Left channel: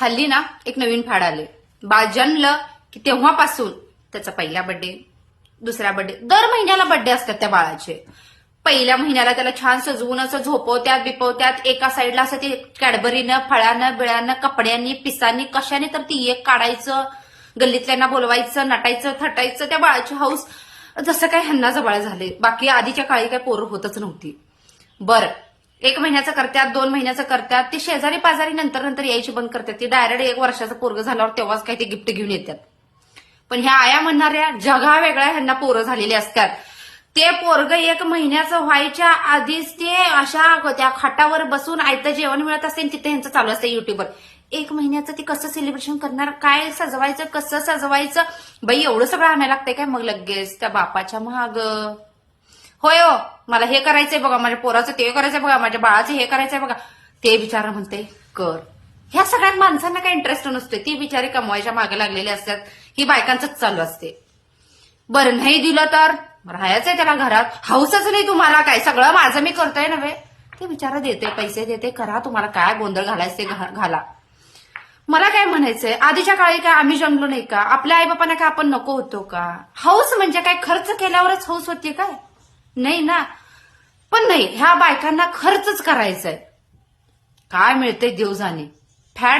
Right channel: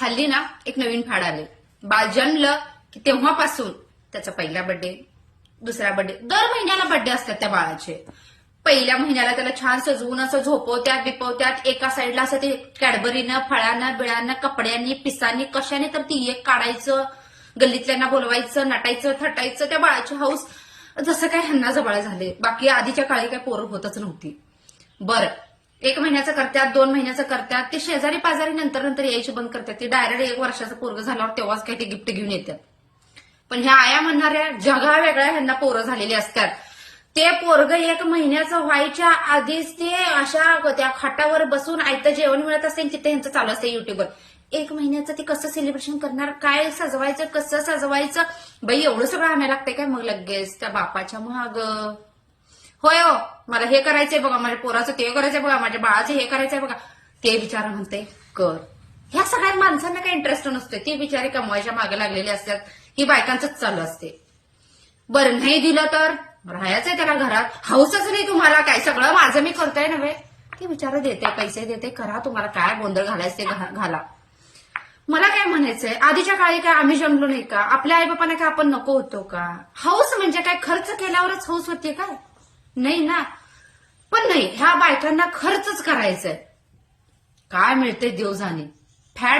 हल्ली ना एक नवीन फाड आले बाळ जन्मलं की तेव्हापासून त्याचा पहिला बर्थडे दुसरा बर्थडे दर महिन्याला बर्थडे असतात त्या बाळाचे. पहिल्या महिन्याला त्याला छान सजवून असं झोपवत्यात बिपवत्यात एका साईडला असं ते कॅडबरीनं फळानं बिळानं कपड्यांनी पिसांनी कशाने तर ती एक काढायचं गल्लीतल्यांना बोलवायचं नटायचं थटायचं त्या बाळाची हाऊस जसं काय ह्यांना जबाळ झाले बाकी आधीच्या काळी काय पोरं होतच नव्हती. बरं एक महिन्याचं करतात दोन महिन्याचं करतात ती शेजारी पाजारी नंतर नंतर यायची बंद करतात ती डायरेक्ट एक वर्षाचं पोरग झाल्यावर तेव्हाच काही ते गिफ्ट घेऊन येतात पण ह्या आया म्हणणाऱ्या जगा वेगळ्या ह्यांना पोरं झालेली असतात. ते पोरग एक महिन्याचं व्हायच्या आधीच ते अशा त्या खाटावर बसून आयतं जेवण मिळत असेल तिथे ह्यांचं चालू असतं युट्यूबवर एक महिन्याचं ते कसं सेलिब्रेशन करणार? काय सजवायचं? कसं सजवायचं? बाई एवढं सगळं आणायला लागतंय काय? मग लगेच त्या बापाच्या महाग होय हो मला हे करायचंय बघा माझ्या पोराचं ते करायचंय बघा माझ्या बाळाचं हे करायचंय बघा. ते विचारा म्हणते कर. ह्या सगळ्यात माणसांना काही इंटरेस्ट नसते ती बिचारी कमवायच्या मागे लागलेली असतात. ही बायकांचंच चालू असते. बरं नाही दिलं तर? राहायचंय त्याला घरात. हाऊसच नाही तुम्हाला काय सगळं माझं मी करतोय नव्हे. ते बिचारा देते पैसे देते करा तुम्हाला काय गोंधळ घालायचे घा- घाला. मला काय म्हणायचंय? आधीच्या काळी काय आम्ही जमलो नाही का? आपल्या आईबापांना काय आपण नको होतो का? हाऊस म्हणजे काय? खर्च केल्यावरच हाऊस होते काय? नाही ना. पण नाही ह्या बायकांना खर्चच करायचंय. काय मिळतंय देव जाणे फॅड